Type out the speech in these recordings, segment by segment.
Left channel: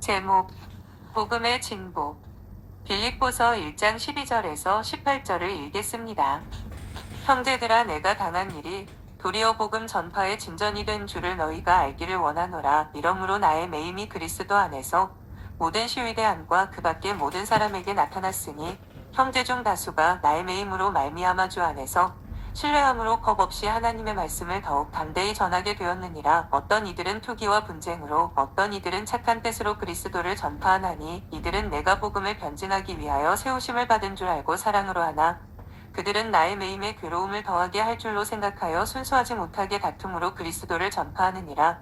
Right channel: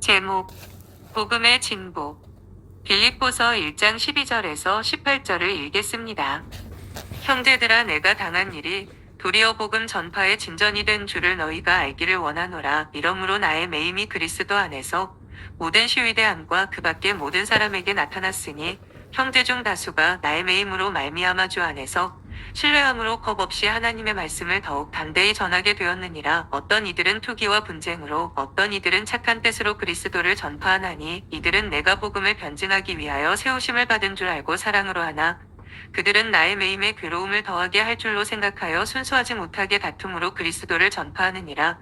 제목, 복음의 진보. 빌립보서 1장 12절에서 18절을 읽겠습니다. 형제들아, 내가 당한 일이 도리어 복음 전파의 진전이 된 줄을 너희가 알기를 원하노라. 이러므로 나의 매임이 그리스도 안에서 모든 시위대 안과 그 밖의 모든 사람에게 나타났으니 형제 중 다수가 나의 매임으로 말미암아 주 안에서 신뢰함으로 겁 없이 하나님의 말씀을 더욱 담대히 전하게 되었느니라. 어떤 이들은 투기와 분쟁으로, 어떤 이들은 착한 뜻으로 그리스도를 전파하나니 이들은 내가 복음을 변증하기 위하여 세우심을 받은 줄 알고 사랑으로 하나, 그들은 나의 매임에 괴로움을 더하게 할 줄로 생각하여 순수하지 못하게 다툼으로 그리스도를 전파하느니라.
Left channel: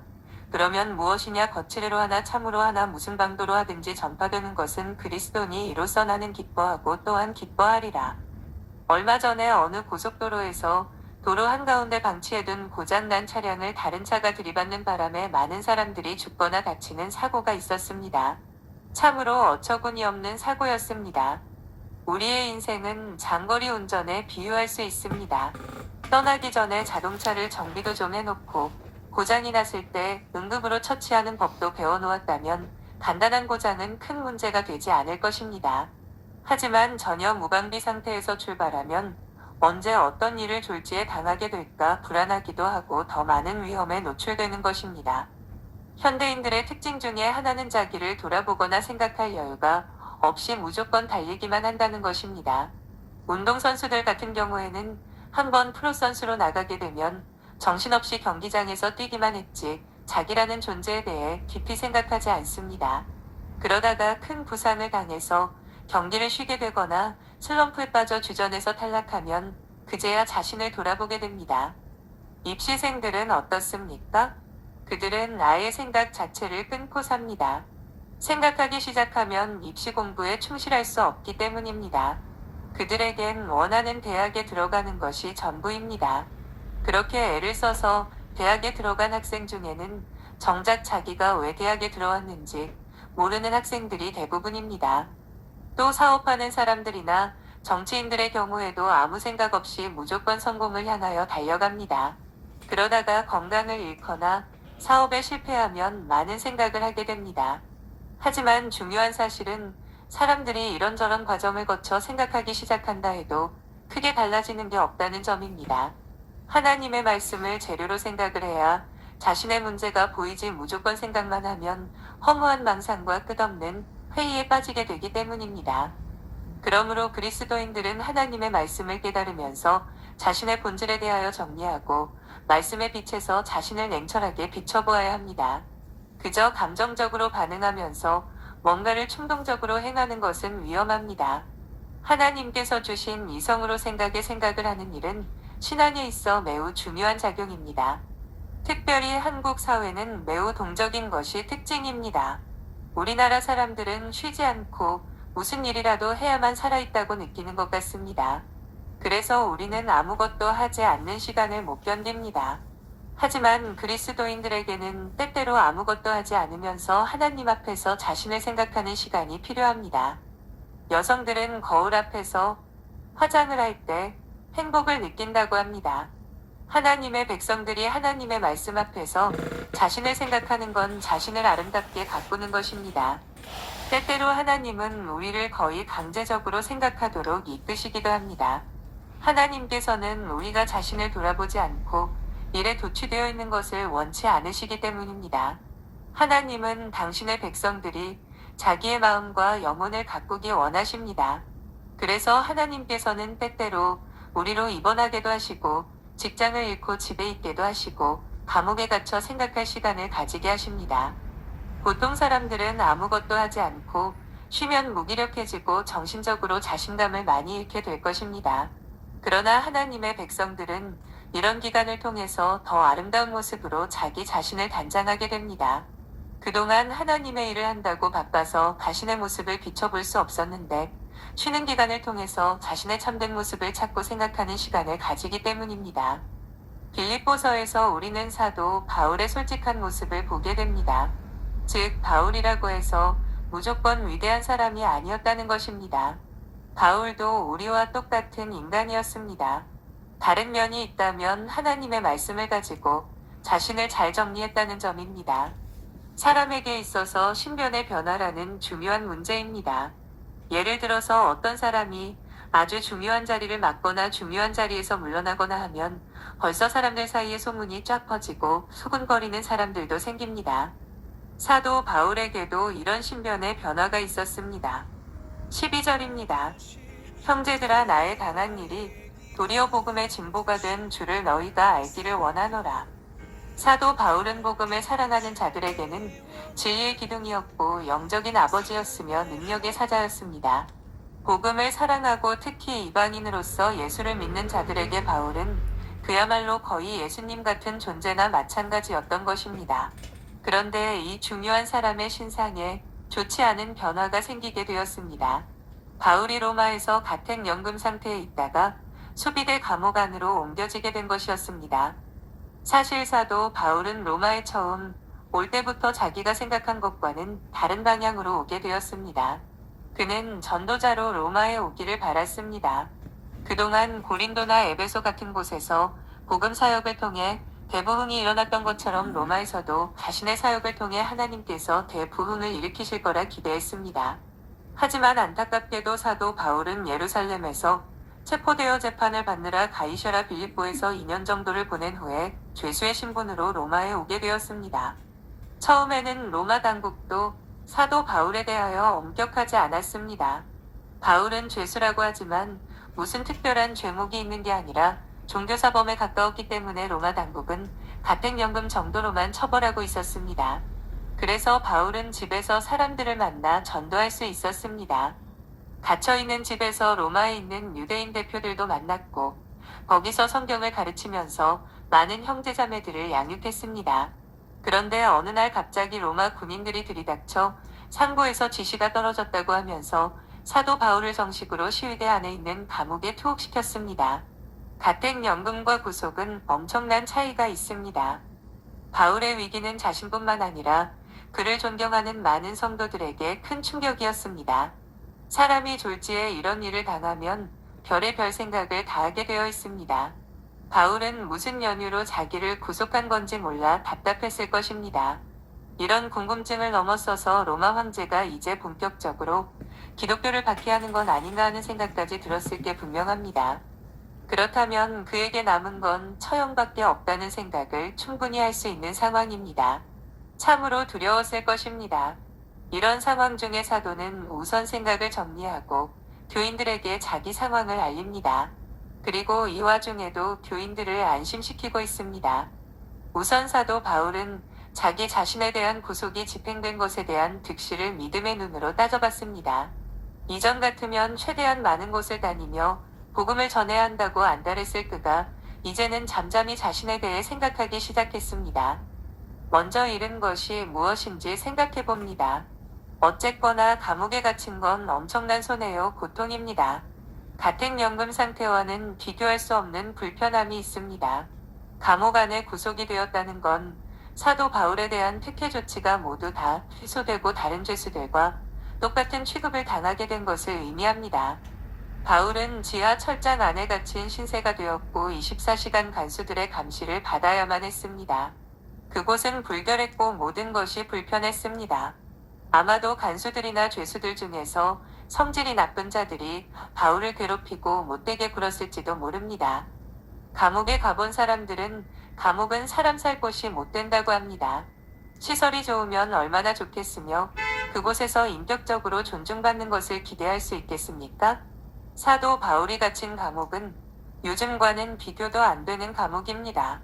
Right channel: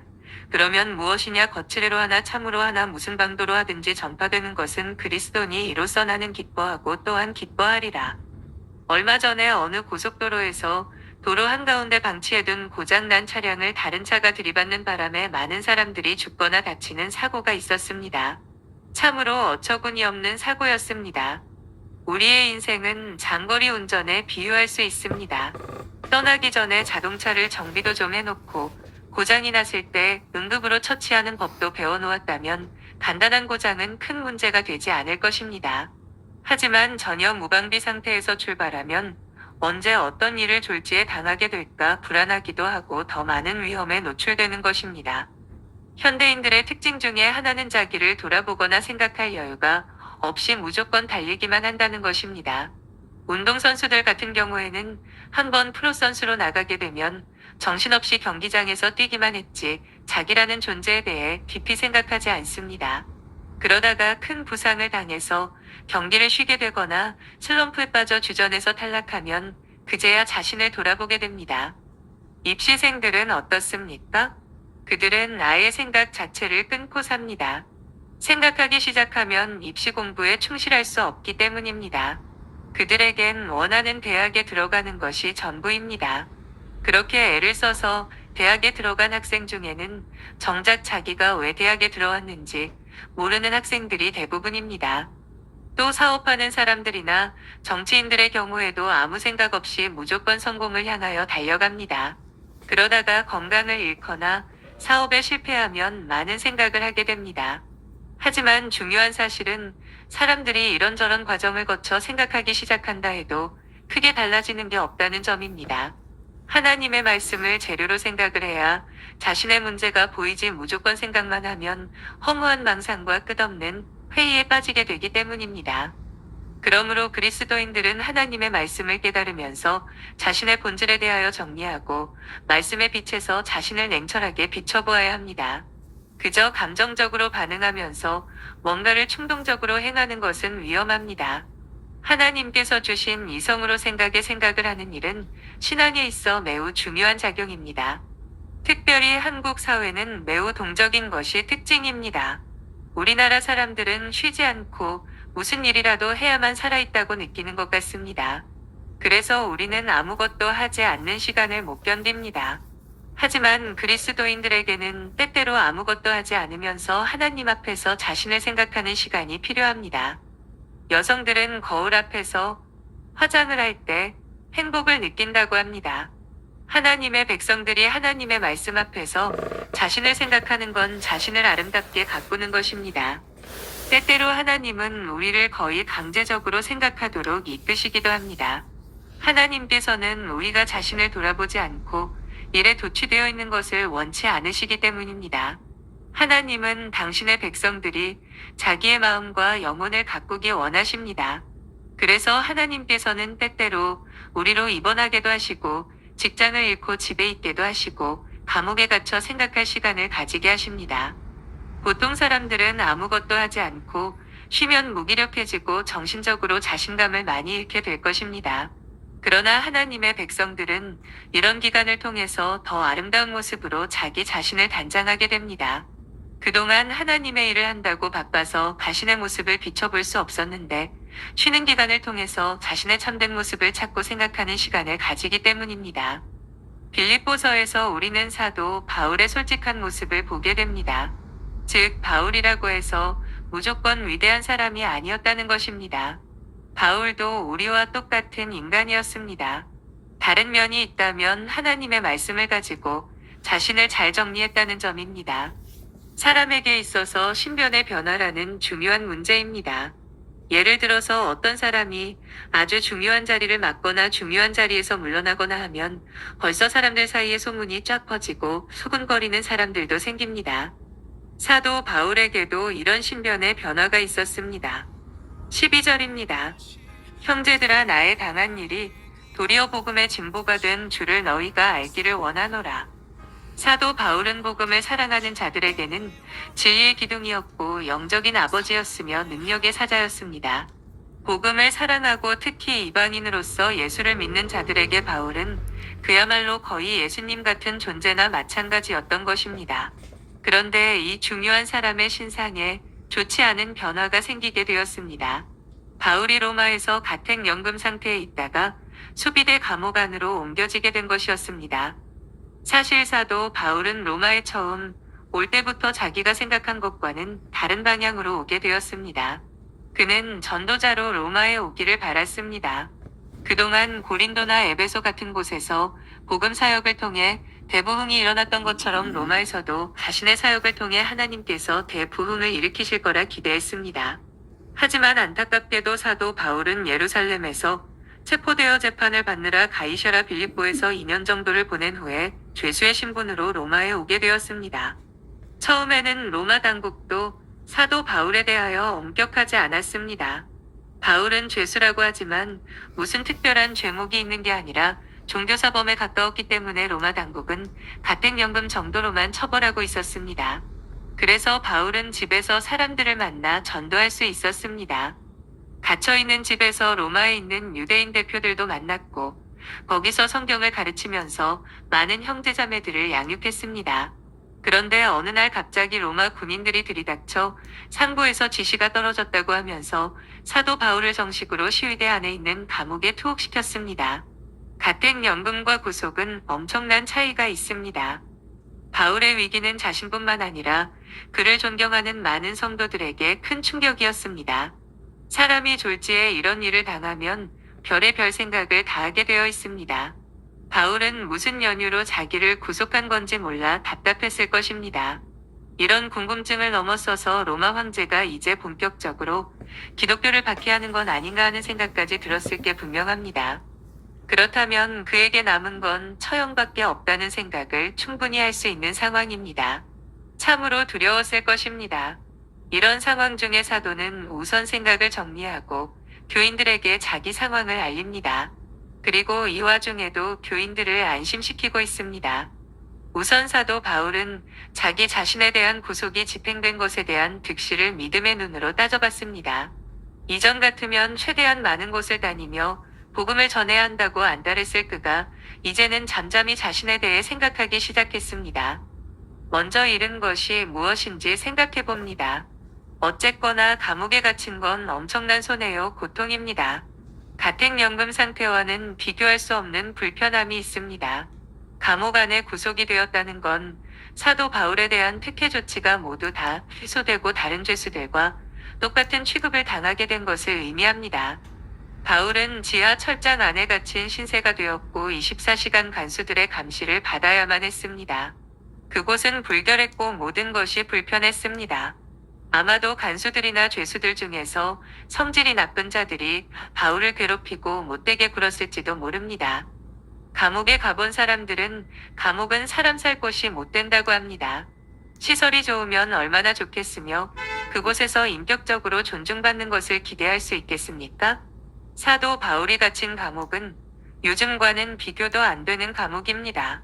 그러면 무엇이냐? 거칠애로 하나 참으로 하나 무슨 방도로 하든지 전파되는 것은 그리스도니 이로써 나는 기뻐하고 또한 기뻐하리라. 얼마 전에 어느 고속도로에서 도로 한가운데 방치해둔 고장난 차량을 다른 차가 들이받는 바람에 많은 사람들이 죽거나 다치는 사고가 있었습니다. 참으로 어처구니 없는 사고였습니다. 우리의 인생은 장거리 운전에 비유할 수 있습니다. 떠나기 전에 자동차를 정비도 좀 해놓고 고장이 났을 때 응급으로 처치하는 법도 배워놓았다면 간단한 고장은 큰 문제가 되지 않을 것입니다. 하지만 전혀 무방비 상태에서 출발하면 언제 어떤 일을 졸지에 당하게 될까 불안하기도 하고 더 많은 위험에 노출되는 것입니다. 현대인들의 특징 중에 하나는 자기를 돌아보거나 생각할 여유가 없이 무조건 달리기만 한다는 것입니다. 운동선수들 같은 경우에는 한번 프로선수로 나가게 되면 정신없이 경기장에서 뛰기만 했지 자기라는 존재에 대해 깊이 생각하지 않습니다. 그러다가 큰 부상을 당해서 경기를 쉬게 되거나 슬럼프에 빠져 주전에서 탈락하면 그제야 자신을 돌아보게 됩니다. 입시생들은 어떻습니까? 그들은 아예 생각 자체를 끊고 삽니다. 생각하기 시작하면 입시 공부에 충실할 수 없기 때문입니다. 그들에겐 원하는 대학에 들어가는 것이 전부입니다. 그렇게 애를 써서 대학에 들어간 학생 중에는 정작 자기가 왜 대학에 들어왔는지 모르는 학생들이 대부분입니다. 또 사업하는 사람들이나 정치인들의 경우에도 아무 생각 없이 무조건 성공을 향하여 달려갑니다. 그러다가 건강을 잃거나 사업에 실패하면 많은 생각을 하게 됩니다. 하지만 중요한 사실은 사람들이 이런저런 과정을 거쳐 생각하기 시작한다 해도 크게 달라지는 게 없다는 점입니다. 하나님의 말씀을 재료로 생각을 해야 자신의 문제가 보이지 무조건 생각만 하면 허무한 망상과 끝없는 회의에 빠지게 되기 때문입니다. 그러므로 그리스도인들은 하나님의 말씀을 깨달으면서 자신의 본질에 대하여 정리하고 말씀의 빛에서 자신을 냉철하게 비춰보아야 합니다. 그저 감정적으로 반응하면서 뭔가를 충동적으로 행하는 것은 위험합니다. 하나님께서 주신 이성으로 생각을 하는 일은 신앙에 있어 매우 중요한 작용입니다. 특별히 한국 사회는 매우 동적인 것이 특징입니다. 우리나라 사람들은 쉬지 않고 무슨 일이라도 해야만 살아있다고 느끼는 것 같습니다. 그래서 우리는 아무것도 하지 않는 시간을 못 견딥니다. 하지만 그리스도인들에게는 때때로 아무것도 하지 않으면서 하나님 앞에서 자신을 생각하는 시간이 필요합니다. 여성들은 거울 앞에서 화장을 할 때 행복을 느낀다고 합니다. 하나님의 백성들이 하나님의 말씀 앞에서 자신을 생각하는 건 자신을 아름답게 가꾸는 것입니다. 때때로 하나님은 우리를 거의 강제적으로 생각하도록 이끄시기도 합니다. 하나님께서는 우리가 자신을 돌아보지 않고 일에 도취되어 있는 것을 원치 않으시기 때문입니다. 하나님은 당신의 백성들이 자기의 마음과 영혼을 가꾸기 원하십니다. 그래서 하나님께서는 때때로 우리로 입원하게도 하시고 직장을 잃고 집에 있게도 하시고 감옥에 갇혀 생각할 시간을 가지게 하십니다. 보통 사람들은 아무것도 하지 않고 쉬면 무기력해지고 정신적으로 자신감을 많이 잃게 될 것입니다. 그러나 하나님의 백성들은 이런 기간을 통해서 더 아름다운 모습으로 자기 자신을 단장하게 됩니다. 그동안 하나님의 일을 한다고 바빠서 자신의 모습을 비춰볼 수 없었는데 쉬는 기간을 통해서 자신의 참된 모습을 찾고 생각하는 시간을 가지기 때문입니다. 빌립보서에서 우리는 사도 바울의 솔직한 모습을 보게 됩니다. 즉, 바울이라고 해서 무조건 위대한 사람이 아니었다는 것입니다. 바울도 우리와 똑같은 인간이었습니다. 다른 면이 있다면 하나님의 말씀을 가지고 자신을 잘 정리했다는 점입니다. 사람에게 있어서 신변의 변화라는 중요한 문제입니다. 예를 들어서 어떤 사람이 아주 중요한 자리를 맡거나 중요한 자리에서 물러나거나 하면 벌써 사람들 사이에 소문이 쫙 퍼지고 수군거리는 사람들도 생깁니다. 사도 바울에게도 이런 신변의 변화가 있었습니다. 12절입니다. 형제들아 나의 당한 일이 도리어 복음의 징보가 된 줄을 너희가 알기를 원하노라. 사도 바울은 복음을 사랑하는 자들에게는 진리의 기둥이었고 영적인 아버지였으며 능력의 사자였습니다. 복음을 사랑하고 특히 이방인으로서 예수를 믿는 자들에게 바울은 그야말로 거의 예수님 같은 존재나 마찬가지였던 것입니다. 그런데 이 중요한 사람의 신상에 좋지 않은 변화가 생기게 되었습니다. 바울이 로마에서 가택연금 상태에 있다가 수비대 감옥 안으로 옮겨지게 된 것이었습니다. 사실 사도 바울은 로마에 처음 올 때부터 자기가 생각한 것과는 다른 방향으로 오게 되었습니다. 그는 전도자로 로마에 오기를 바랐습니다. 그동안 고린도나 에베소 같은 곳에서 복음 사역을 통해 대부흥이 일어났던 것처럼 로마에서도 자신의 사역을 통해 하나님께서 대부흥을 일으키실 거라 기대했습니다. 하지만 안타깝게도 사도 바울은 예루살렘에서 체포되어 재판을 받느라 가이셔라 빌립보에서 2년 정도를 보낸 후에 죄수의 신분으로 로마에 오게 되었습니다. 처음에는 로마 당국도 사도 바울에 대하여 엄격하지 않았습니다. 바울은 죄수라고 하지만 무슨 특별한 죄목이 있는 게 아니라 종교사범에 가까웠기 때문에 로마 당국은 가택연금 정도로만 처벌하고 있었습니다. 그래서 바울은 집에서 사람들을 만나 전도할 수 있었습니다. 갇혀있는 집에서 로마에 있는 유대인 대표들도 만났고 거기서 성경을 가르치면서 많은 형제자매들을 양육했습니다. 그런데 어느 날 갑자기 로마 군인들이 들이닥쳐 상부에서 지시가 떨어졌다고 하면서 사도 바울을 정식으로 시위대 안에 있는 감옥에 투옥시켰습니다. 가택연금과 구속은 엄청난 차이가 있습니다. 바울의 위기는 자신뿐만 아니라 그를 존경하는 많은 성도들에게 큰 충격이었습니다. 사람이 졸지에 이런 일을 당하면 별의별 생각을 다 하게 되어 있습니다. 바울은 무슨 연유로 자기를 구속한 건지 몰라 답답했을 것입니다. 이런 궁금증을 넘어서서 로마 황제가 이제 본격적으로 기독교를 박해하는 건 아닌가 하는 생각까지 들었을 게 분명합니다. 그렇다면 그에게 남은 건 처형밖에 없다는 생각을 충분히 할 수 있는 상황입니다. 참으로 두려웠을 것입니다. 이런 상황 중에 사도는 우선 생각을 정리하고 교인들에게 자기 상황을 알립니다. 그리고 이 와중에도 교인들을 안심시키고 있습니다. 우선 사도 바울은 자기 자신에 대한 구속이 집행된 것에 대한 득실을 믿음의 눈으로 따져봤습니다. 이전 같으면 최대한 많은 곳을 다니며 복음을 전해야 한다고 안달했을 그가 이제는 잠잠히 자신에 대해 생각하기 시작했습니다. 먼저 잃은 것이 무엇인지 생각해 봅니다. 어쨌거나 감옥에 갇힌 건 엄청난 손해요, 고통입니다. 가택연금 상태와는 비교할 수 없는 불편함이 있습니다. 감옥 안에 구속이 되었다는 건 사도 바울에 대한 특혜 조치가 모두 다 취소되고 다른 죄수들과 똑같은 취급을 당하게 된 것을 의미합니다. 바울은 지하 철장 안에 갇힌 신세가 되었고 24시간 간수들의 감시를 받아야만 했습니다. 그곳은 불결했고 모든 것이 불편했습니다. 아마도 간수들이나 죄수들 중에서 성질이 나쁜 자들이 바울을 괴롭히고 못되게 굴었을지도 모릅니다. 감옥에 가본 사람들은 감옥은 사람 살 곳이 못 된다고 합니다. 시설이 좋으면 얼마나 좋겠으며 그곳에서 인격적으로 존중받는 것을 기대할 수 있겠습니까? 사도 바울이 갇힌 감옥은 요즘과는 비교도 안 되는 감옥입니다.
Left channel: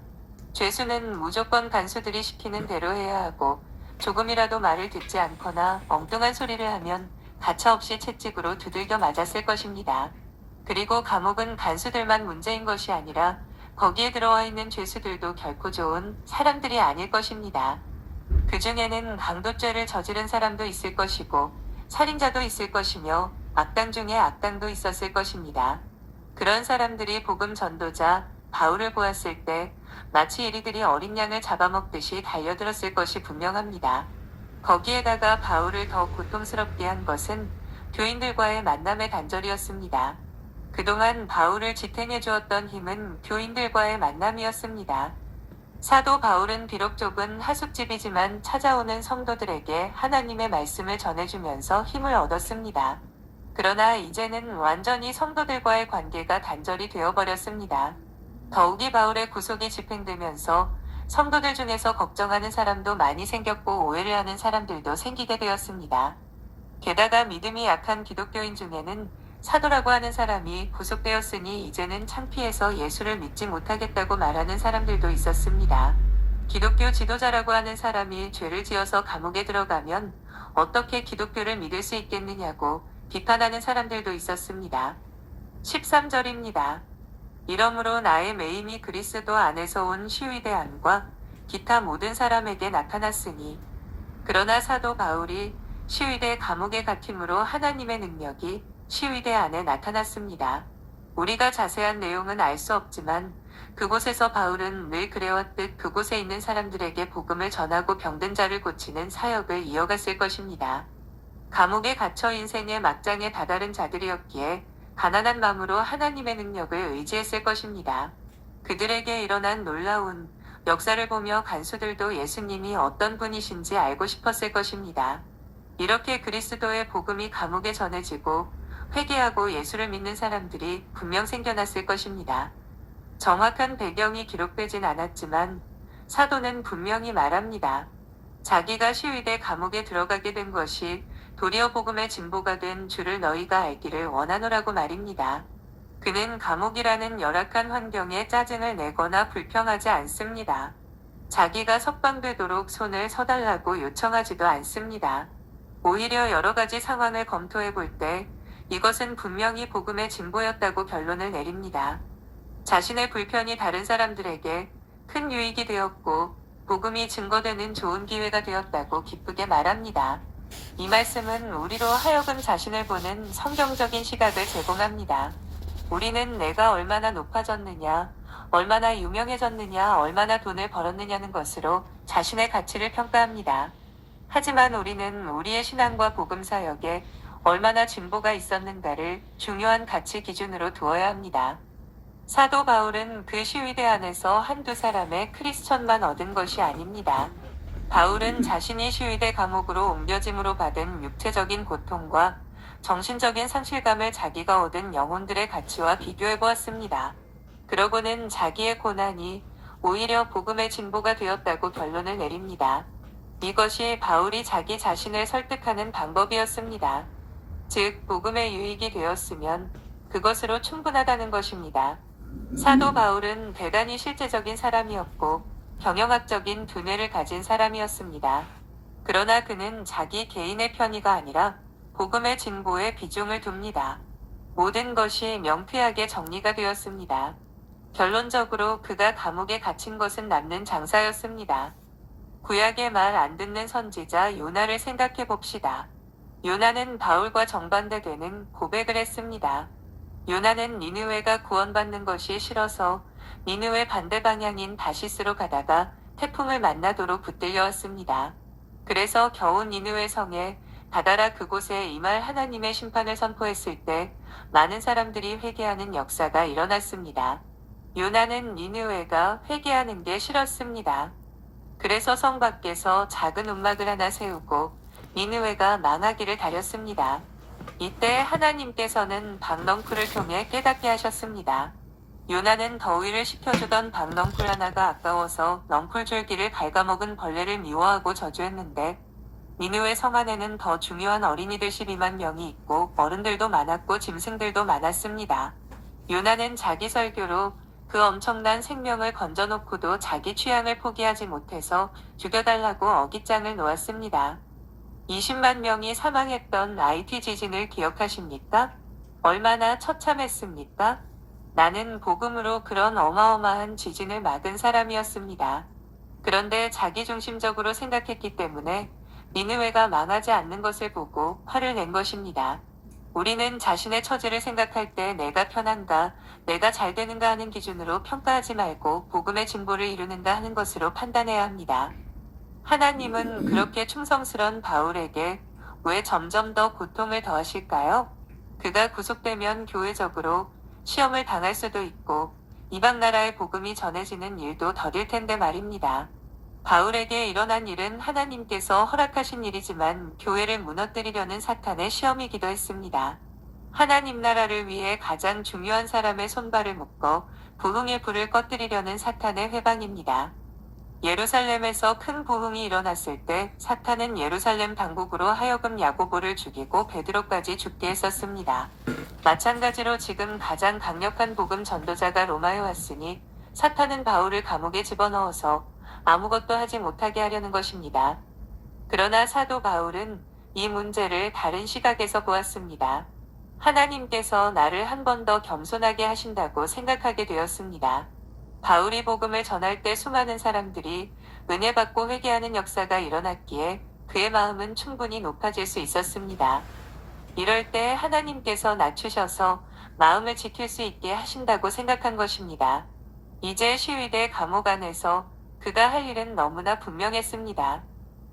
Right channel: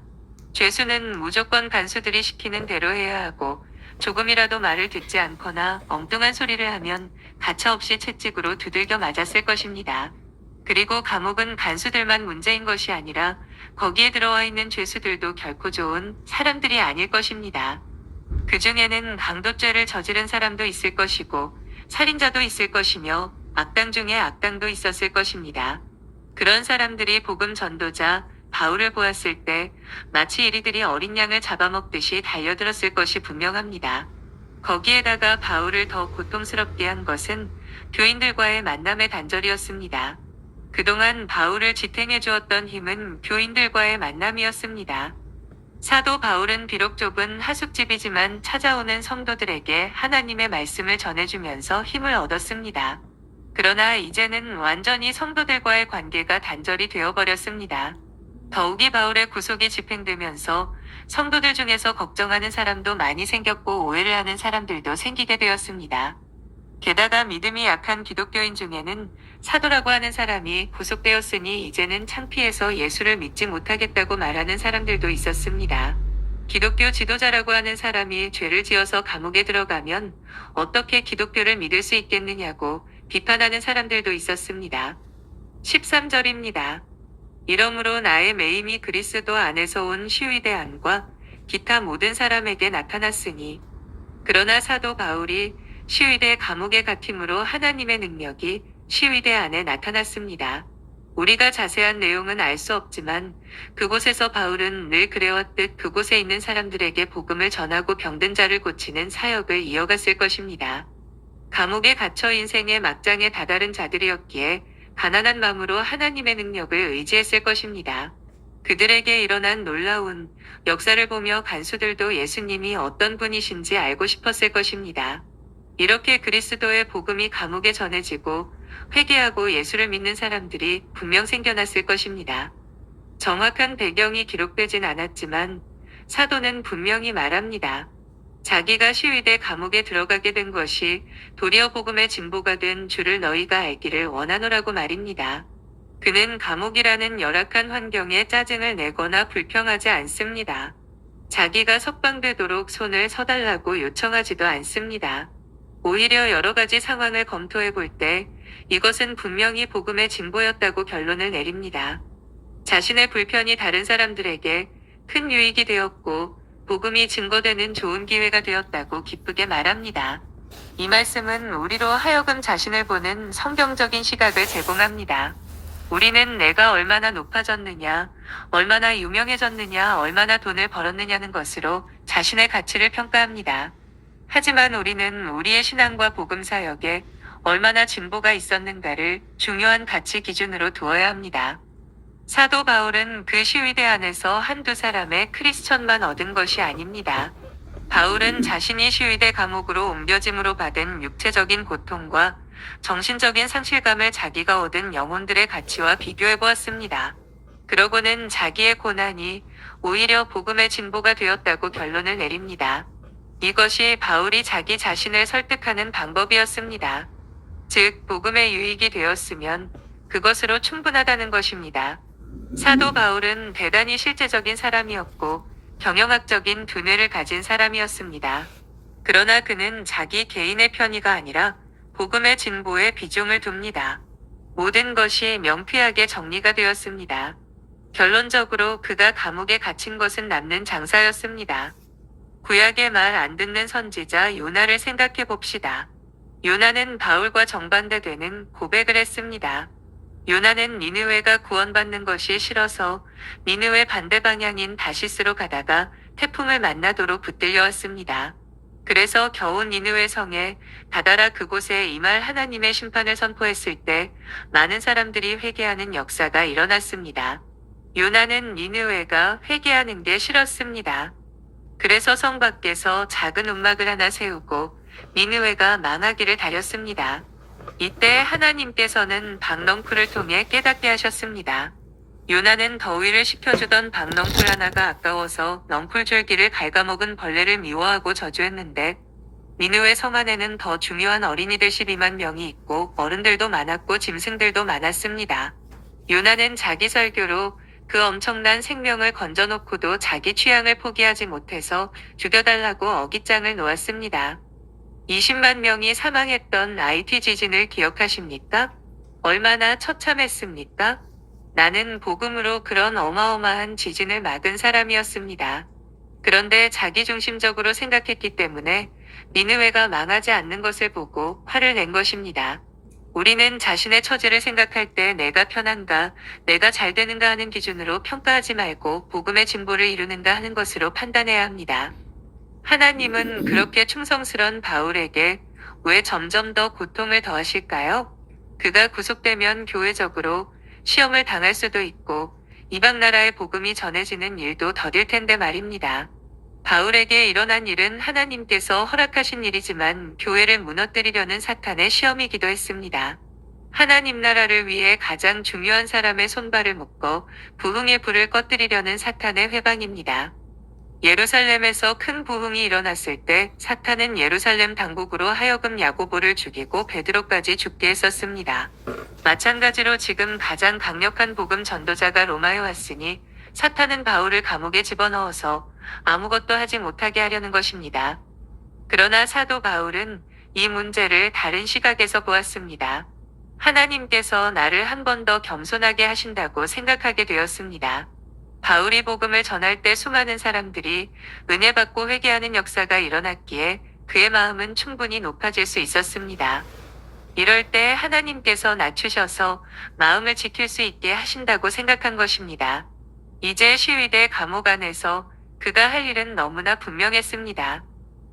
죄수는 무조건 간수들이 시키는 대로 해야 하고 조금이라도 말을 듣지 않거나 엉뚱한 소리를 하면 가차없이 채찍으로 두들겨 맞았을 것입니다. 그리고 감옥은 간수들만 문제인 것이 아니라 거기에 들어와 있는 죄수들도 결코 좋은 사람들이 아닐 것입니다. 그 중에는 강도죄를 저지른 사람도 있을 것이고 살인자도 있을 것이며 악당 중에 악당도 있었을 것입니다. 그런 사람들이 복음 전도자 바울을 보았을 때 마치 이리들이 어린 양을 잡아먹듯이 달려들었을 것이 분명합니다. 거기에다가 바울을 더 고통스럽게 한 것은 교인들과의 만남의 단절이었습니다. 그동안 바울을 지탱해 주었던 힘은 교인들과의 만남이었습니다. 사도 바울은 비록 좁은 하숙집이지만 찾아오는 성도들에게 하나님의 말씀을 전해주면서 힘을 얻었습니다. 그러나 이제는 완전히 성도들과의 관계가 단절이 되어버렸습니다. 더욱이 바울의 구속이 집행되면서 성도들 중에서 걱정하는 사람도 많이 생겼고 오해를 하는 사람들도 생기게 되었습니다. 게다가 믿음이 약한 기독교인 중에는 사도라고 하는 사람이 구속되었으니 이제는 창피해서 예수를 믿지 못하겠다고 말하는 사람들도 있었습니다. 기독교 지도자라고 하는 사람이 죄를 지어서 감옥에 들어가면 어떻게 기독교를 믿을 수 있겠느냐고 비판하는 사람들도 있었습니다. 13절입니다. 이러므로 나의 매임이 그리스도 안에서 온 시위대 안과 기타 모든 사람에게 나타났으니 그러나 사도 바울이 시위대 감옥에 갇힘으로 하나님의 능력이 시위대 안에 나타났습니다. 우리가 자세한 내용은 알 수 없지만 그곳에서 바울은 늘 그래왔듯 그곳에 있는 사람들에게 복음을 전하고 병든 자를 고치는 사역을 이어갔을 것입니다. 감옥에 갇혀 인생의 막장에 다다른 자들이었기에 가난한 마음으로 하나님의 능력을 의지했을 것입니다. 그들에게 일어난 놀라운 역사를 보며 간수들도 예수님이 어떤 분이신지 알고 싶었을 것입니다. 이렇게 그리스도의 복음이 감옥에 전해지고 회개하고 예수를 믿는 사람들이 분명 생겨났을 것입니다. 정확한 배경이 기록되진 않았지만 사도는 분명히 말합니다. 자기가 시위대 감옥에 들어가게 된 것이 도리어 복음의 진보가 된 줄을 너희가 알기를 원하노라고 말입니다. 그는 감옥이라는 열악한 환경에 짜증을 내거나 불평하지 않습니다. 자기가 석방되도록 손을 서달라고 요청하지도 않습니다. 오히려 여러 가지 상황을 검토해 볼 때 이것은 분명히 복음의 진보였다고 결론을 내립니다. 자신의 불편이 다른 사람들에게 큰 유익이 되었고 복음이 증거되는 좋은 기회가 되었다고 기쁘게 말합니다. 이 말씀은 우리로 하여금 자신을 보는 성경적인 시각을 제공합니다. 우리는 내가 얼마나 높아졌느냐, 얼마나 유명해졌느냐, 얼마나 돈을 벌었느냐는 것으로 자신의 가치를 평가합니다. 하지만 우리는 우리의 신앙과 복음 사역에 얼마나 진보가 있었는가를 중요한 가치 기준으로 두어야 합니다. 사도 바울은 그 시위대 안에서 한두 사람의 크리스천만 얻은 것이 아닙니다. 바울은 자신이 시위대 감옥으로 옮겨짐으로 받은 육체적인 고통과 정신적인 상실감을 자기가 얻은 영혼들의 가치와 비교해 보았습니다. 그러고는 자기의 고난이 오히려 복음의 진보가 되었다고 결론을 내립니다. 이것이 바울이 자기 자신을 설득하는 방법이었습니다. 즉, 복음의 유익이 되었으면 그것으로 충분하다는 것입니다. 사도 바울은 대단히 실제적인 사람이었고 경영학적인 두뇌를 가진 사람이었습니다. 그러나 그는 자기 개인의 편의가 아니라 복음의 진보에 비중을 둡니다. 모든 것이 명쾌하게 정리가 되었습니다. 결론적으로 그가 감옥에 갇힌 것은 남는 장사였습니다. 구약의 말 안 듣는 선지자 요나를 생각해 봅시다. 요나는 바울과 정반대되는 고백을 했습니다. 요나는 니느웨가 구원받는 것이 싫어서 니느웨 반대 방향인 다시스로 가다가 태풍을 만나도록 붙들려왔습니다. 그래서 겨우 니느웨 성에 다다라 그곳에 임할 하나님의 심판을 선포했을 때 많은 사람들이 회개하는 역사가 일어났습니다. 요나는 니느웨가 회개하는 게 싫었습니다. 그래서 성 밖에서 작은 움막을 하나 세우고 니느웨가 망하기를 다렸습니다. 이때 하나님께서는 박넝쿨을 통해 깨닫게 하셨습니다. 요나는 더위를 식혀주던 박넝쿨 하나가 아까워서 넝쿨줄기를 갉아먹은 벌레를 미워하고 저주했는데 니느웨 성 안에는 더 중요한 어린이들 12만 명이 있고 어른들도 많았고 짐승들도 많았습니다. 요나는 자기 설교로 그 엄청난 생명을 건져놓고도 자기 취향을 포기하지 못해서 죽여달라고 어깃장을 놓았습니다. 20만 명이 사망했던 IT 지진을 기억하십니까? 얼마나 처참했습니까? 나는 복음으로 그런 어마어마한 지진을 막은 사람이었습니다. 그런데 자기중심적으로 생각했기 때문에 니느웨가 망하지 않는 것을 보고 화를 낸 것입니다. 우리는 자신의 처지를 생각할 때 내가 편한가, 내가 잘 되는가 하는 기준으로 평가하지 말고 복음의 진보를 이루는가 하는 것으로 판단해야 합니다. 하나님은 그렇게 충성스런 바울에게 왜 점점 더 고통을 더하실까요? 그가 구속되면 교회적으로 시험을 당할 수도 있고 이방 나라의 복음이 전해지는 일도 더딜 텐데 말입니다. 바울에게 일어난 일은 하나님께서 허락하신 일이지만 교회를 무너뜨리려는 사탄의 시험이기도 했습니다. 하나님 나라를 위해 가장 중요한 사람의 손발을 묶어 부흥의 불을 꺼뜨리려는 사탄의 회방입니다. 예루살렘에서 큰 부흥이 일어났을 때 사탄은 예루살렘 당국으로 하여금 야고보를 죽이고 베드로까지 죽게 했었습니다. 마찬가지로 지금 가장 강력한 복음 전도자가 로마에 왔으니 사탄은 바울을 감옥에 집어넣어서 아무것도 하지 못하게 하려는 것입니다. 그러나 사도 바울은 이 문제를 다른 시각에서 보았습니다. 하나님께서 나를 한 번 더 겸손하게 하신다고 생각하게 되었습니다. 바울이 복음을 전할 때 수많은 사람들이 은혜 받고 회개하는 역사가 일어났기에 그의 마음은 충분히 높아질 수 있었습니다. 이럴 때 하나님께서 낮추셔서 마음을 지킬 수 있게 하신다고 생각한 것입니다. 이제 시위대 감옥 안에서 그가 할 일은 너무나 분명했습니다.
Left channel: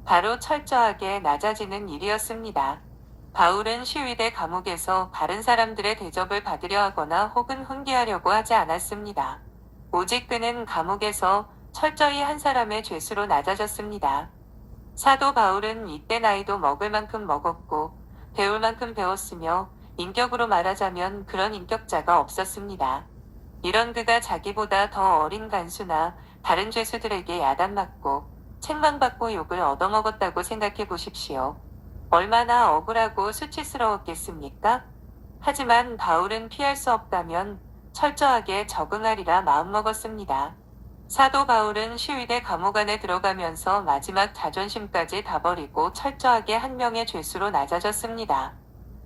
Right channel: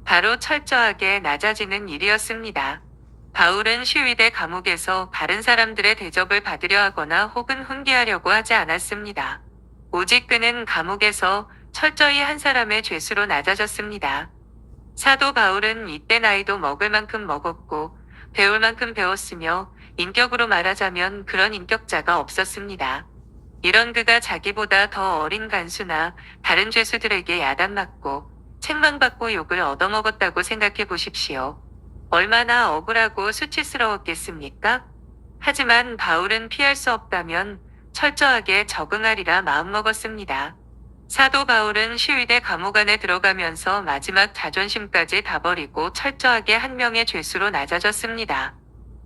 바로 철저하게 낮아지는 일이었습니다. 바울은 시위대 감옥에서 다른 사람들의 대접을 받으려 하거나 혹은 훈계하려고 하지 않았습니다. 오직 그는 감옥에서 철저히 한 사람의 죄수로 낮아졌습니다. 사도 바울은 이때 나이도 먹을 만큼 먹었고 배울 만큼 배웠으며 인격으로 말하자면 그런 인격자가 없었습니다. 이런 그가 자기보다 더 어린 간수나 다른 죄수들에게 야단맞고 책망받고 욕을 얻어먹었다고 생각해 보십시오. 얼마나 억울하고 수치스러웠겠습니까? 하지만 바울은 피할 수 없다면 철저하게 적응하리라 마음먹었습니다. 사도 바울은 시위대 감옥 안에 들어가면서 마지막 자존심까지 다 버리고 철저하게 한 명의 죄수로 낮아졌습니다.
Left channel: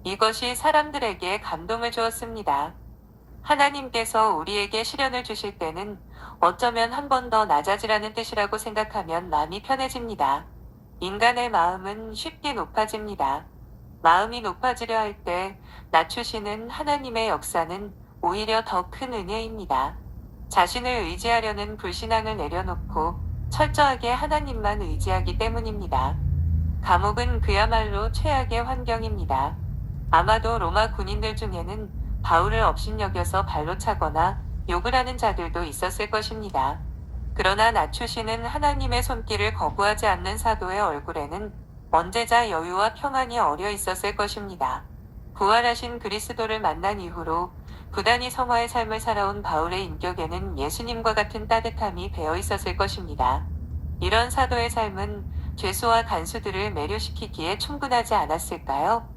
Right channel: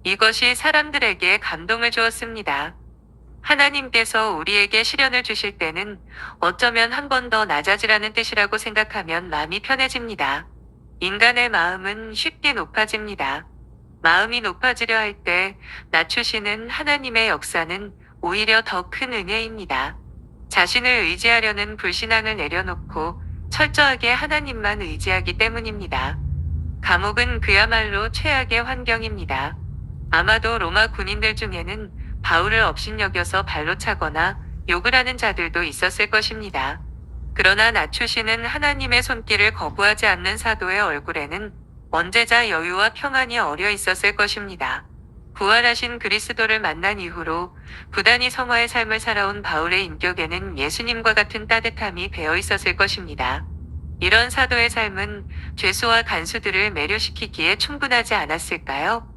이것이 사람들에게 감동을 주었습니다. 하나님께서 우리에게 시련을 주실 때는 어쩌면 한 번 더 낮아지라는 뜻이라고 생각하면 마음이 편해집니다. 인간의 마음은 쉽게 높아집니다. 마음이 높아지려 할 때 낮추시는 하나님의 역사는 오히려 더 큰 은혜입니다. 자신을 의지하려는 불신앙을 내려놓고 철저하게 하나님만 의지하기 때문입니다. 감옥은 그야말로 최악의 환경입니다. 아마도 로마 군인들 중에는 바울을 업신여겨서 발로 차거나 욕을 하는 자들도 있었을 것입니다. 그러나 낮추시는 하나님의 손길을 거부하지 않는 사도의 얼굴에는 언제자 여유와 평안이 어려 있었을 것입니다. 부활하신 그리스도를 만난 이후로 부단히 성화의 삶을 살아온 바울의 인격에는 예수님과 같은 따뜻함이 배어 있었을 것입니다. 이런 사도의 삶은 죄수와 간수들을 매료시키기에 충분하지 않았을까요?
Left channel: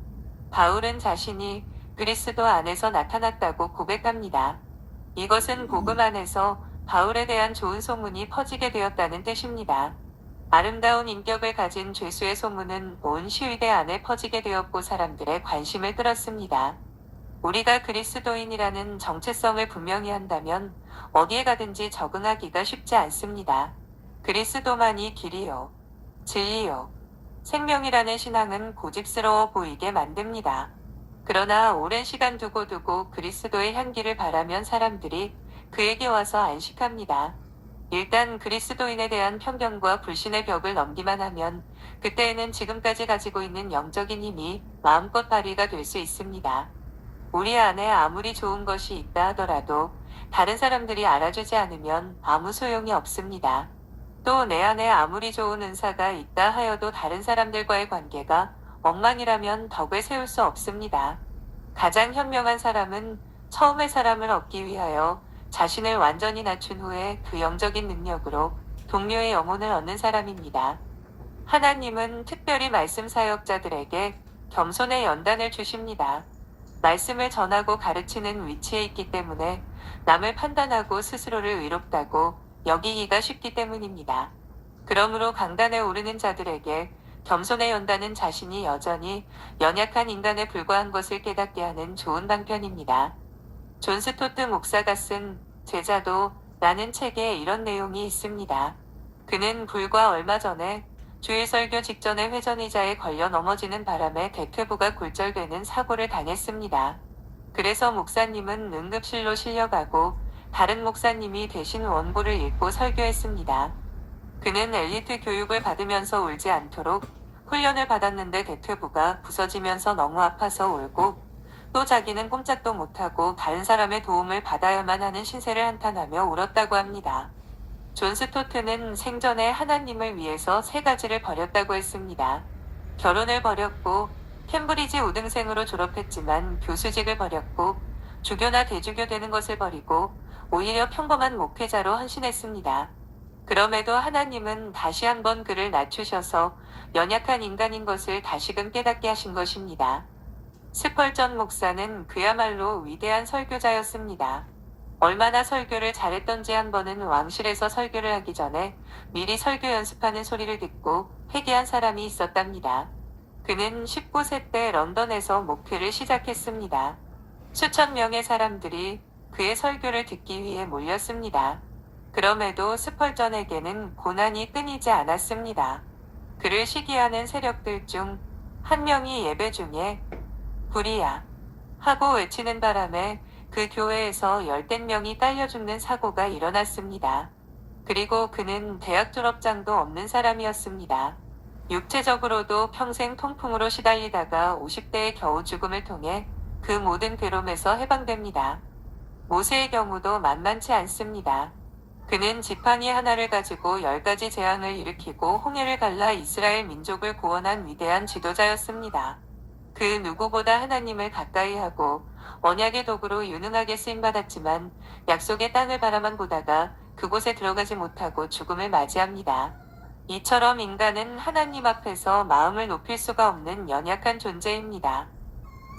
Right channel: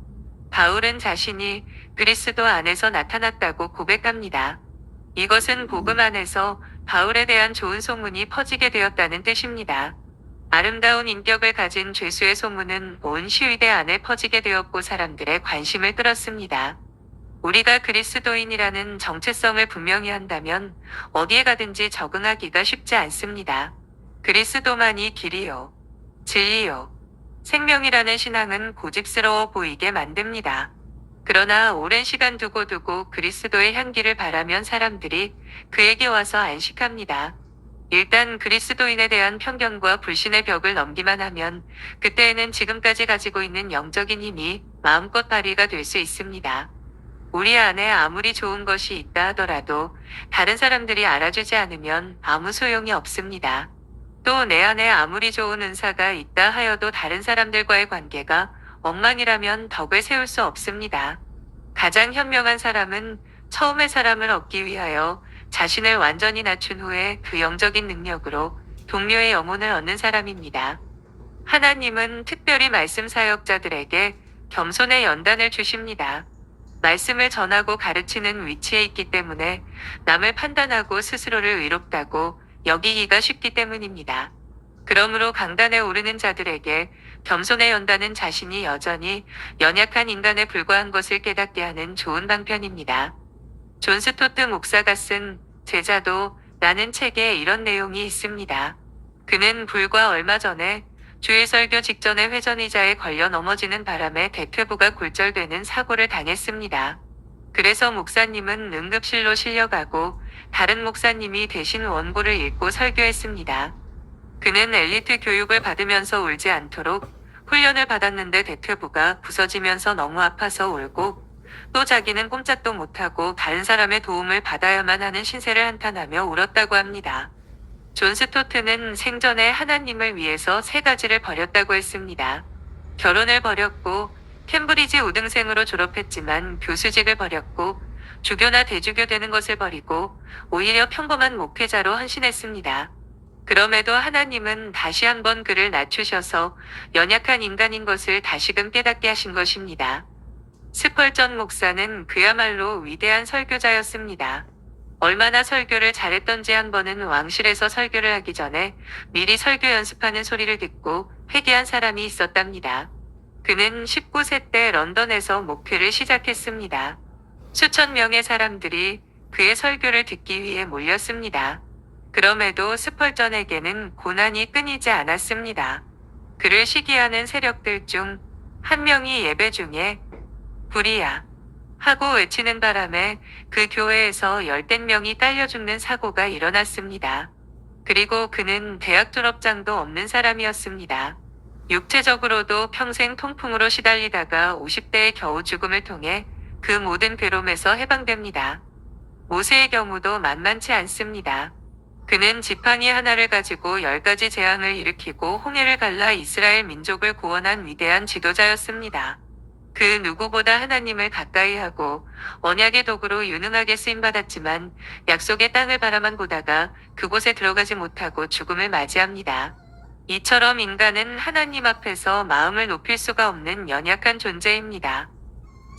바울은 자신이 그리스도 안에서 나타났다고 고백합니다. 이것은 복음 안에서 바울에 대한 좋은 소문이 퍼지게 되었다는 뜻입니다. 아름다운 인격을 가진 죄수의 소문은 온 시위대 안에 퍼지게 되었고 사람들의 관심을 끌었습니다. 우리가 그리스도인이라는 정체성을 분명히 한다면 어디에 가든지 적응하기가 쉽지 않습니다. 그리스도만이 길이요, 진리요, 생명이라는 신앙은 고집스러워 보이게 만듭니다. 그러나 오랜 시간 두고두고 그리스도의 향기를 바라면 사람들이 그에게 와서 안식합니다. 일단 그리스도인에 대한 편견과 불신의 벽을 넘기만 하면 그때에는 지금까지 가지고 있는 영적인 힘이 마음껏 발휘가 될 수 있습니다. 우리 안에 아무리 좋은 것이 있다 하더라도 다른 사람들이 알아주지 않으면 아무 소용이 없습니다. 또 내 안에 아무리 좋은 은사가 있다 하여도 다른 사람들과의 관계가 엉망이라면 덕을 세울 수 없습니다. 가장 현명한 사람은 처음에 사람을 얻기 위하여 자신을 완전히 낮춘 후에 그 영적인 능력으로 동료의 영혼을 얻는 사람입니다. 하나님은 특별히 말씀 사역자들에게 겸손의 연단을 주십니다. 말씀을 전하고 가르치는 위치에 있기 때문에 남을 판단하고 스스로를 의롭다고 여기기가 쉽기 때문입니다. 그러므로 강단에 오르는 자들에게 겸손의 연단은 자신이 여전히 연약한 인간에 불과한 것을 깨닫게 하는 좋은 방편입니다. 존 스토트 목사가 쓴 제자도 라는 책에 이런 내용이 있습니다. 그는 불과 얼마 전에 주일 설교 직전에 회전의자에 걸려 넘어지는 바람에 대퇴부가 골절되는 사고를 당했습니다. 그래서 목사님은 응급실로 실려가고 다른 목사님이 대신 원고를 읽고 설교했습니다. 그는 엘리트 교육을 받으면서 울지 않도록 훈련을 받았는데 대퇴부가 부서지면서 너무 아파서 울고 또 자기는 꼼짝도 못하고 다른 사람의 도움을 받아야만 하는 신세를 한탄하며 울었다고 합니다. 존 스토트는 생전에 하나님을 위해서 3가지를 버렸다고 했습니다. 결혼을 버렸고, 캠브리지 우등생으로 졸업했지만 교수직을 버렸고, 주교나 대주교 되는 것을 버리고, 오히려 평범한 목회자로 헌신했습니다. 그럼에도 하나님은 다시 한번 그를 낮추셔서 연약한 인간인 것을 다시금 깨닫게 하신 것입니다. 스펄전 목사는 그야말로 위대한 설교자였습니다. 얼마나 설교를 잘했던지 한 번은 왕실에서 설교를 하기 전에 미리 설교 연습하는 소리를 듣고 회개한 사람이 있었답니다. 그는 19세 때 런던에서 목회를 시작했습니다. 수천 명의 사람들이 그의 설교를 듣기 위해 몰렸습니다. 그럼에도 스펄전에게는 고난이 끊이지 않았습니다. 그를 시기하는 세력들 중 한 명이 예배 중에 불이야 하고 외치는 바람에 그 교회에서 열댓 명이 딸려 죽는 사고가 일어났습니다. 그리고 그는 대학 졸업장도 없는 사람이었습니다. 육체적으로도 평생 통풍으로 시달리다가 50대에 겨우 죽음을 통해 그 모든 괴로움에서 해방됩니다. 모세의 경우도 만만치 않습니다. 그는 지팡이 하나를 가지고 10가지 재앙을 일으키고 홍해를 갈라 이스라엘 민족을 구원한 위대한 지도자였습니다. 그 누구보다 하나님을 가까이 하고 언약의 도구로 유능하게 쓰임받았지만 약속의 땅을 바라만 보다가 그곳에 들어가지 못하고 죽음을 맞이합니다. 이처럼 인간은 하나님 앞에서 마음을 높일 수가 없는 연약한 존재입니다.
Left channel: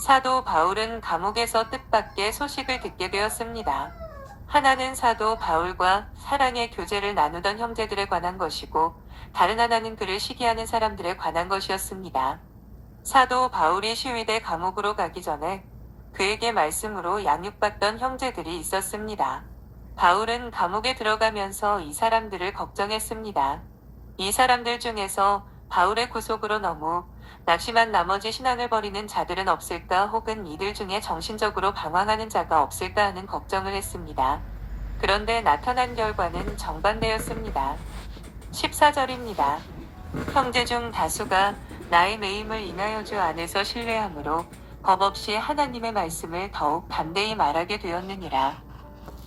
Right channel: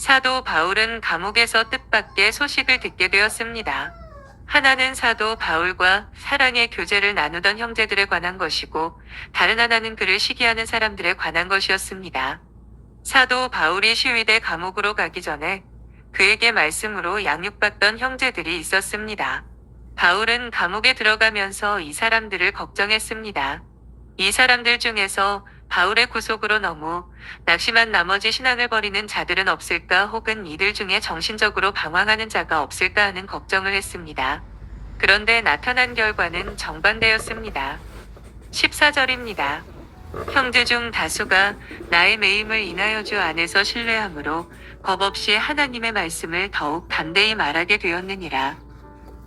사도 바울은 감옥에서 뜻밖의 소식을 듣게 되었습니다. 하나는 사도 바울과 사랑의 교제를 나누던 형제들에 관한 것이고 다른 하나는 그를 시기하는 사람들에 관한 것이었습니다. 사도 바울이 시위대 감옥으로 가기 전에 그에게 말씀으로 양육받던 형제들이 있었습니다. 바울은 감옥에 들어가면서 이 사람들을 걱정했습니다. 이 사람들 중에서 바울의 구속으로 너무 낙심한 나머지 신앙을 버리는 자들은 없을까 혹은 이들 중에 정신적으로 방황하는 자가 없을까 하는 걱정을 했습니다. 그런데 나타난 결과는 정반대였습니다. 14절입니다. 형제 중 다수가 나의 매임을 인하여 주 안에서 신뢰함으로 겁없이 하나님의 말씀을 더욱 담대히 말하게 되었느니라.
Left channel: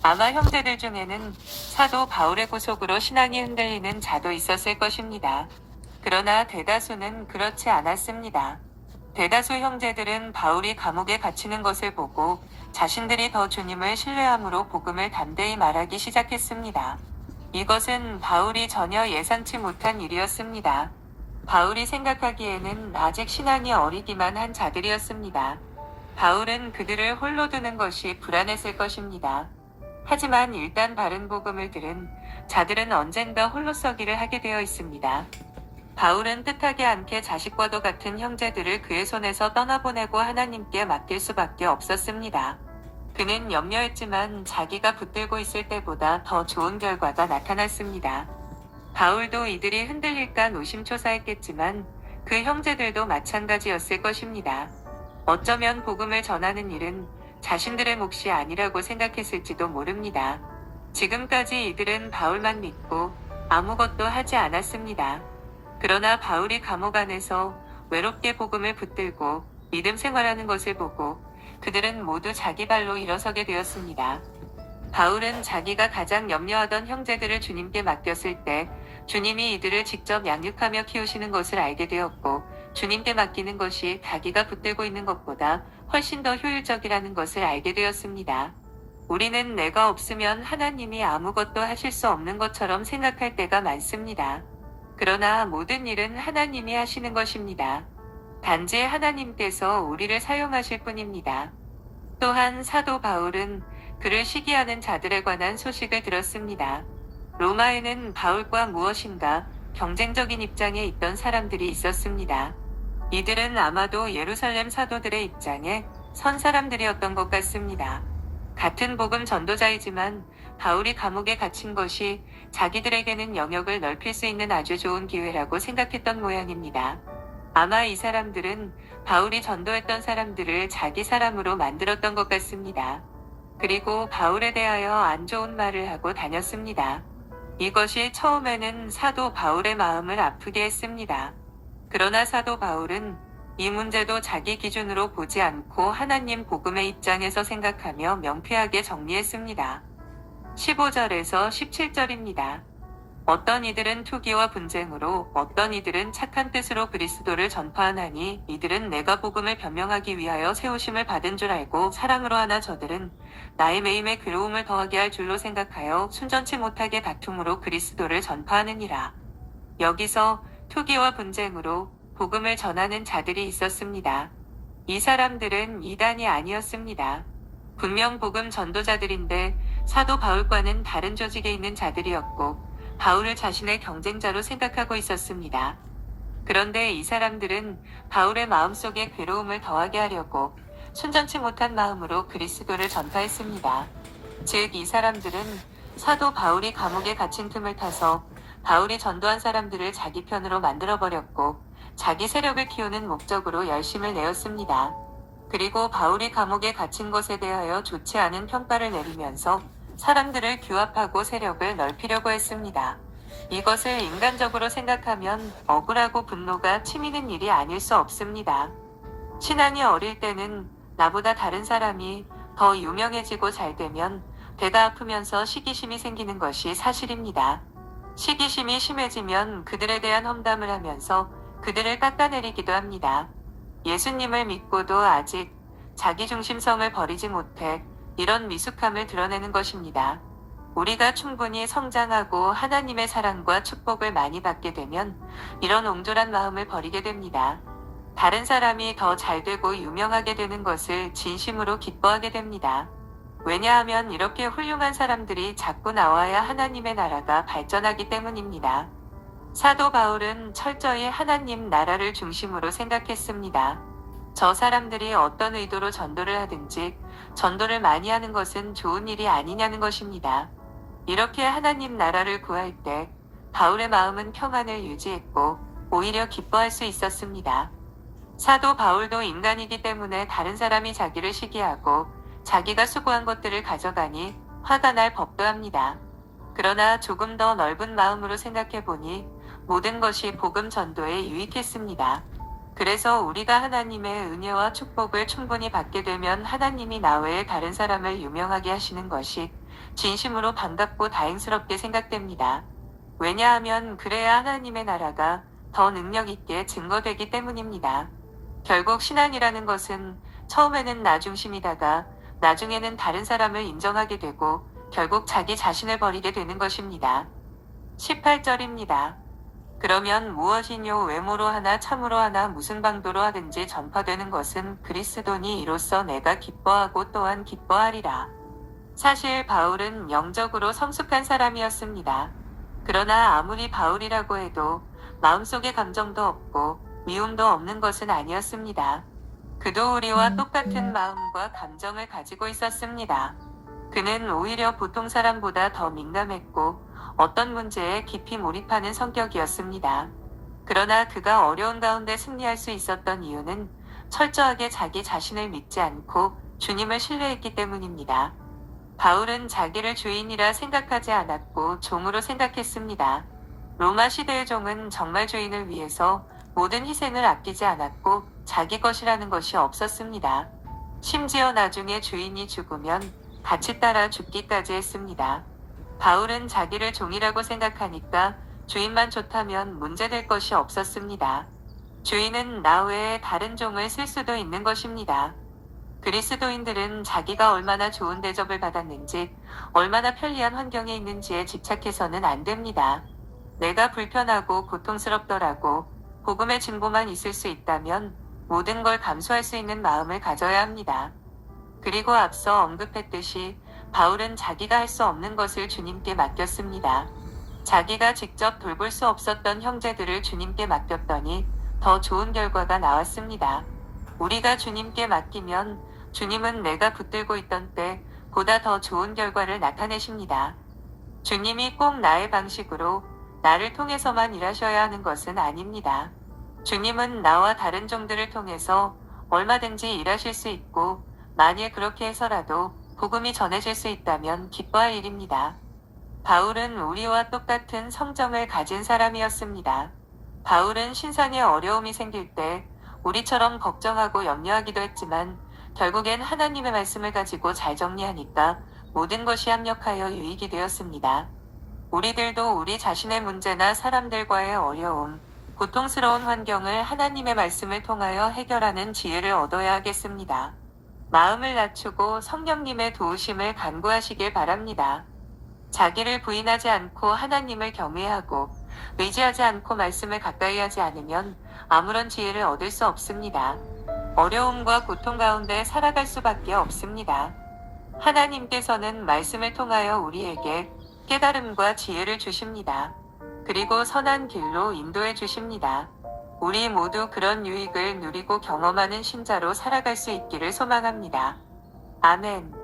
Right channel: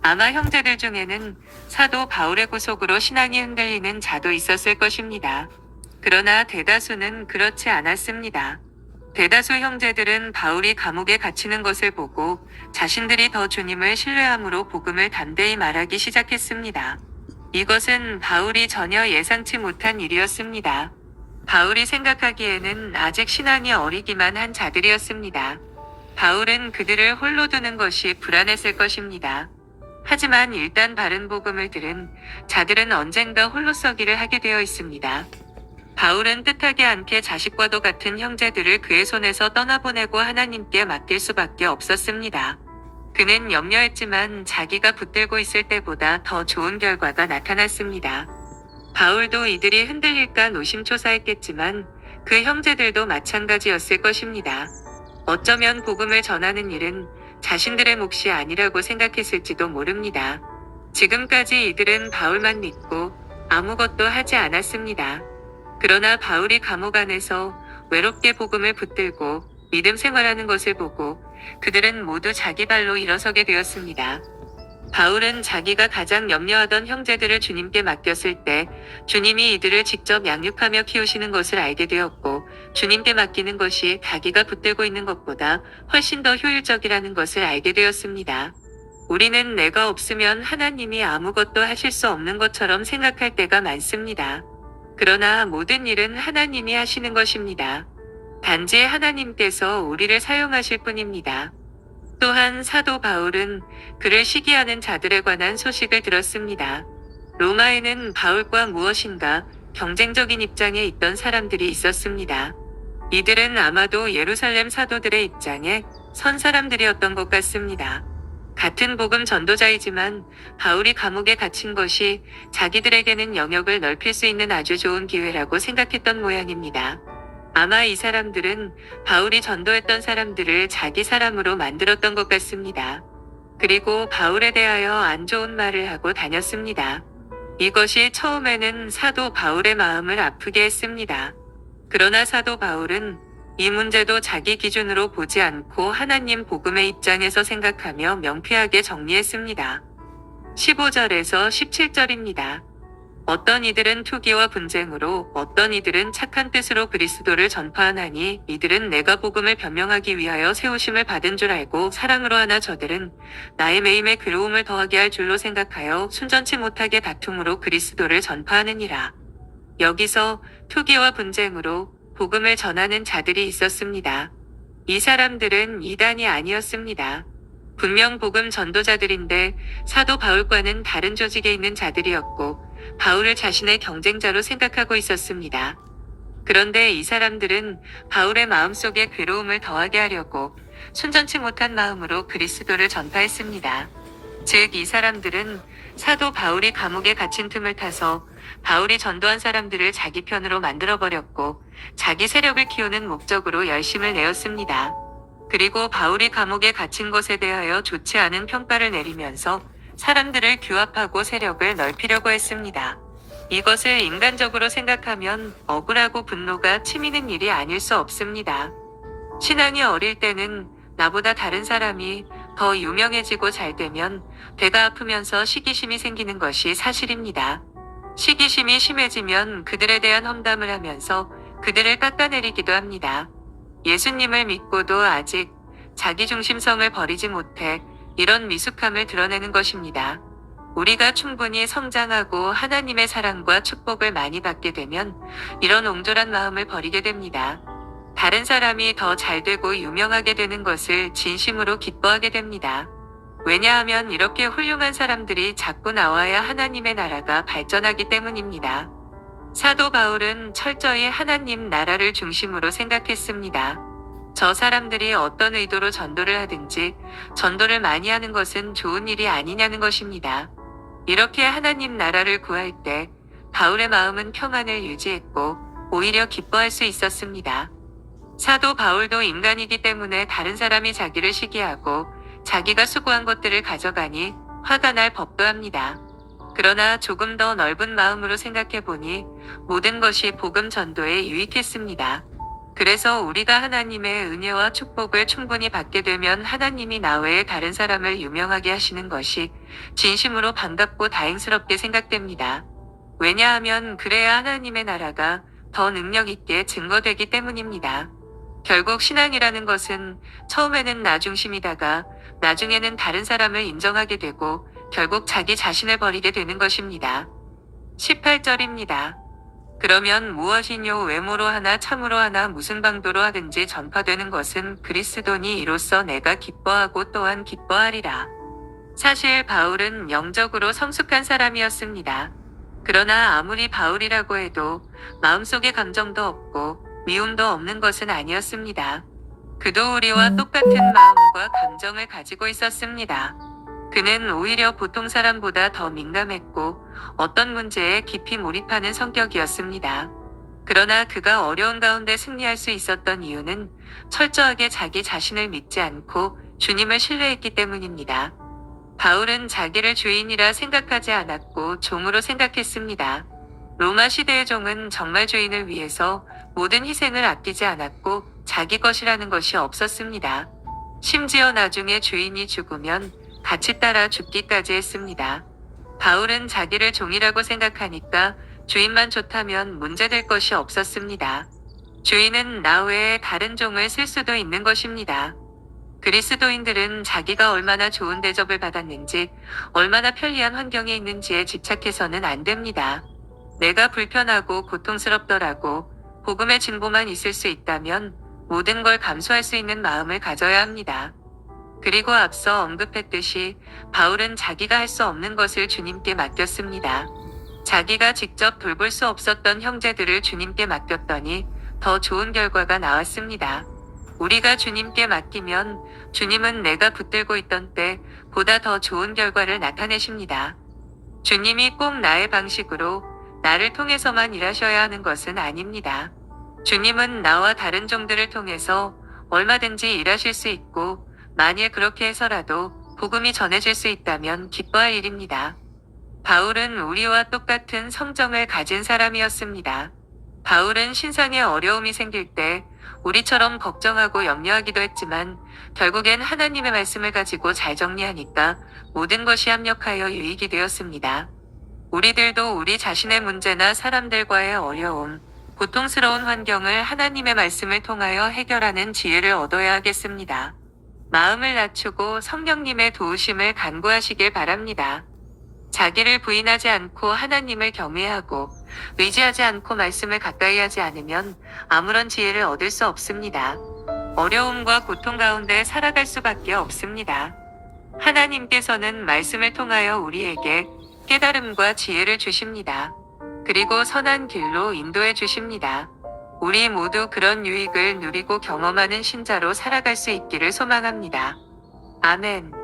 아마 형제들 중에는 사도 바울의 구속으로 신앙이 흔들리는 자도 있었을 것입니다. 그러나 대다수는 그렇지 않았습니다. 대다수 형제들은 바울이 감옥에 갇히는 것을 보고 자신들이 더 주님을 신뢰함으로 복음을 담대히 말하기 시작했습니다. 이것은 바울이 전혀 예상치 못한 일이었습니다. 바울이 생각하기에는 아직 신앙이 어리기만 한 자들이었습니다. 바울은 그들을 홀로 두는 것이 불안했을 것입니다. 하지만 일단 바른 복음을 들은 자들은 언젠가 홀로 서기를 하게 되어 있습니다. 바울은 뜻하지 않게 자식과도 같은 형제들을 그의 손에서 떠나보내고 하나님께 맡길 수밖에 없었습니다. 그는 염려했지만 자기가 붙들고 있을 때보다 더 좋은 결과가 나타났습니다. 바울도 이들이 흔들릴까 노심초사했겠지만 그 형제들도 마찬가지였을 것입니다. 어쩌면 복음을 전하는 일은 자신들의 몫이 아니라고 생각했을지도 모릅니다. 지금까지 이들은 바울만 믿고 아무것도 하지 않았습니다. 그러나 바울이 감옥 안에서 외롭게 복음을 붙들고 믿음 생활하는 것을 보고 그들은 모두 자기 발로 일어서게 되었습니다. 바울은 자기가 가장 염려하던 형제들을 주님께 맡겼을 때 주님이 이들을 직접 양육하며 키우시는 것을 알게 되었고 주님께 맡기는 것이 자기가 붙들고 있는 것보다 훨씬 더 효율적이라는 것을 알게 되었습니다. 우리는 내가 없으면 하나님이 아무것도 하실 수 없는 것처럼 생각할 때가 많습니다. 그러나 모든 일은 하나님이 하시는 것입니다. 단지 하나님께서 우리를 사용하실 뿐입니다. 또한 사도 바울은 그를 시기하는 자들에 관한 소식을 들었습니다. 로마에는 바울과 무엇인가 경쟁적인 입장에 있던 사람들이 있었습니다. 이들은 아마도 예루살렘 사도들의 입장에 선 사람들이었던 것 같습니다. 같은 복음 전도자이지만 바울이 감옥에 갇힌 것이 자기들에게는 영역을 넓힐 수 있는 아주 좋은 기회라고 생각했던 모양입니다. 아마 이 사람들은 바울이 전도했던 사람들을 자기 사람으로 만들었던 것 같습니다. 그리고 바울에 대하여 안 좋은 말을 하고 다녔습니다. 이것이 처음에는 사도 바울의 마음을 아프게 했습니다. 그러나 사도 바울은 이 문제도 자기 기준으로 보지 않고 하나님 복음의 입장에서 생각하며 명쾌하게 정리했습니다. 15절에서 17절입니다. 어떤 이들은 투기와 분쟁으로 어떤 이들은 착한 뜻으로 그리스도를 전파하나니 이들은 내가 복음을 변명하기 위하여 세우심을 받은 줄 알고 사랑으로 하나 저들은 나의 매임에 괴로움을 더하게 할 줄로 생각하여 순전치 못하게 다툼으로 그리스도를 전파하느니라. 여기서 투기와 분쟁으로 복음을 전하는 자들이 있었습니다. 이 사람들은 이단이 아니었습니다. 분명 복음 전도자들인데 사도 바울과는 다른 조직에 있는 자들이었고 바울을 자신의 경쟁자로 생각하고 있었습니다. 그런데 이 사람들은 바울의 마음속에 괴로움을 더하게 하려고 순전치 못한 마음으로 그리스도를 전파했습니다. 즉, 이 사람들은 사도 바울이 감옥에 갇힌 틈을 타서 바울이 전도한 사람들을 자기 편으로 만들어버렸고 자기 세력을 키우는 목적으로 열심을 내었습니다. 그리고 바울이 감옥에 갇힌 것에 대하여 좋지 않은 평가를 내리면서 사람들을 규합하고 세력을 넓히려고 했습니다. 이것을 인간적으로 생각하면 억울하고 분노가 치미는 일이 아닐 수 없습니다. 신앙이 어릴 때는 나보다 다른 사람이 더 유명해지고 잘 되면 배가 아프면서 시기심이 생기는 것이 사실입니다. 시기심이 심해지면 그들에 대한 험담을 하면서 그들을 깎아내리기도 합니다. 예수님을 믿고도 아직 자기중심성을 버리지 못해 이런 미숙함을 드러내는 것입니다. 우리가 충분히 성장하고 하나님의 사랑과 축복을 많이 받게 되면 이런 옹졸한 마음을 버리게 됩니다. 다른 사람이 더 잘되고 유명하게 되는 것을 진심으로 기뻐하게 됩니다. 왜냐하면 이렇게 훌륭한 사람들이 자꾸 나와야 하나님의 나라가 발전하기 때문입니다. 사도 바울은 철저히 하나님 나라를 중심으로 생각했습니다. 저 사람들이 어떤 의도로 전도를 하든지 전도를 많이 하는 것은 좋은 일이 아니냐는 것입니다. 이렇게 하나님 나라를 구할 때 바울의 마음은 평안을 유지했고 오히려 기뻐할 수 있었습니다. 사도 바울도 인간이기 때문에 다른 사람이 자기를 시기하고 자기가 수고한 것들을 가져가니 화가 날 법도 합니다. 그러나 조금 더 넓은 마음으로 생각해 보니 모든 것이 복음 전도에 유익했습니다. 그래서 우리가 하나님의 은혜와 축복을 충분히 받게 되면 하나님이 나 외에 다른 사람을 유명하게 하시는 것이 진심으로 반갑고 다행스럽게 생각됩니다. 왜냐하면 그래야 하나님의 나라가 더 능력 있게 증거되기 때문입니다. 결국 신앙이라는 것은 처음에는 나 중심이다가 나중에는 다른 사람을 인정하게 되고 결국 자기 자신을 버리게 되는 것입니다. 18절입니다. 그러면 무엇이뇨? 외모로 하나 참으로 하나 무슨 방도로 하든지 전파되는 것은 그리스도니 이로써 내가 기뻐하고 또한 기뻐하리라. 사실 바울은 영적으로 성숙한 사람이었습니다. 그러나 아무리 바울이라고 해도 마음속에 감정도 없고 미움도 없는 것은 아니었습니다. 그도 우리와 똑같은 마음과 감정을 가지고 있었습니다. 그는 오히려 보통 사람보다 더 민감했고 어떤 문제에 깊이 몰입하는 성격이었습니다. 그러나 그가 어려운 가운데 승리할 수 있었던 이유는 철저하게 자기 자신을 믿지 않고 주님을 신뢰했기 때문입니다. 바울은 자기를 주인이라 생각하지 않았고 종으로 생각했습니다. 로마 시대의 종은 정말 주인을 위해서 모든 희생을 아끼지 않았고 자기 것이라는 것이 없었습니다. 심지어 나중에 주인이 죽으면 같이 따라 죽기까지 했습니다. 바울은 자기를 종이라고 생각하니까 주인만 좋다면 문제될 것이 없었습니다. 주인은 나 외에 다른 종을 쓸 수도 있는 것입니다. 그리스도인들은 자기가 얼마나 좋은 대접을 받았는지, 얼마나 편리한 환경에 있는지에 집착해서는 안 됩니다. 내가 불편하고 고통스럽더라고 복음의 진보만 있을 수 있다면 모든 걸 감수할 수 있는 마음을 가져야 합니다. 그리고 앞서 언급했듯이 바울은 자기가 할 수 없는 것을 주님께 맡겼습니다. 자기가 직접 돌볼 수 없었던 형제들을 주님께 맡겼더니 더 좋은 결과가 나왔습니다. 우리가 주님께 맡기면 주님은 내가 붙들고 있던 때 보다 더 좋은 결과를 나타내십니다. 주님이 꼭 나의 방식으로 나를 통해서만 일하셔야 하는 것은 아닙니다. 주님은 나와 다른 종들을 통해서 얼마든지 일하실 수 있고 만일 그렇게 해서라도 복음이 전해질 수 있다면 기뻐할 일입니다. 바울은 우리와 똑같은 성정을 가진 사람이었습니다. 바울은 신상에 어려움이 생길 때 우리처럼 걱정하고 염려하기도 했지만 결국엔 하나님의 말씀을 가지고 잘 정리하니까 모든 것이 합력하여 유익이 되었습니다. 우리들도 우리 자신의 문제나 사람들과의 어려움, 고통스러운 환경을 하나님의 말씀을 통하여 해결하는 지혜를 얻어야 하겠습니다. 마음을 낮추고 성령님의 도우심을 간구하시길 바랍니다. 자기를 부인하지 않고 하나님을 경외하고 의지하지 않고 말씀을 가까이 하지 않으면 아무런 지혜를 얻을 수 없습니다. 어려움과 고통 가운데 살아갈 수밖에 없습니다. 하나님께서는 말씀을 통하여 우리에게 깨달음과 지혜를 주십니다. 그리고 선한 길로 인도해 주십니다. 우리 모두 그런 유익을 누리고 경험하는 신자로 살아갈 수 있기를 소망합니다. 아멘.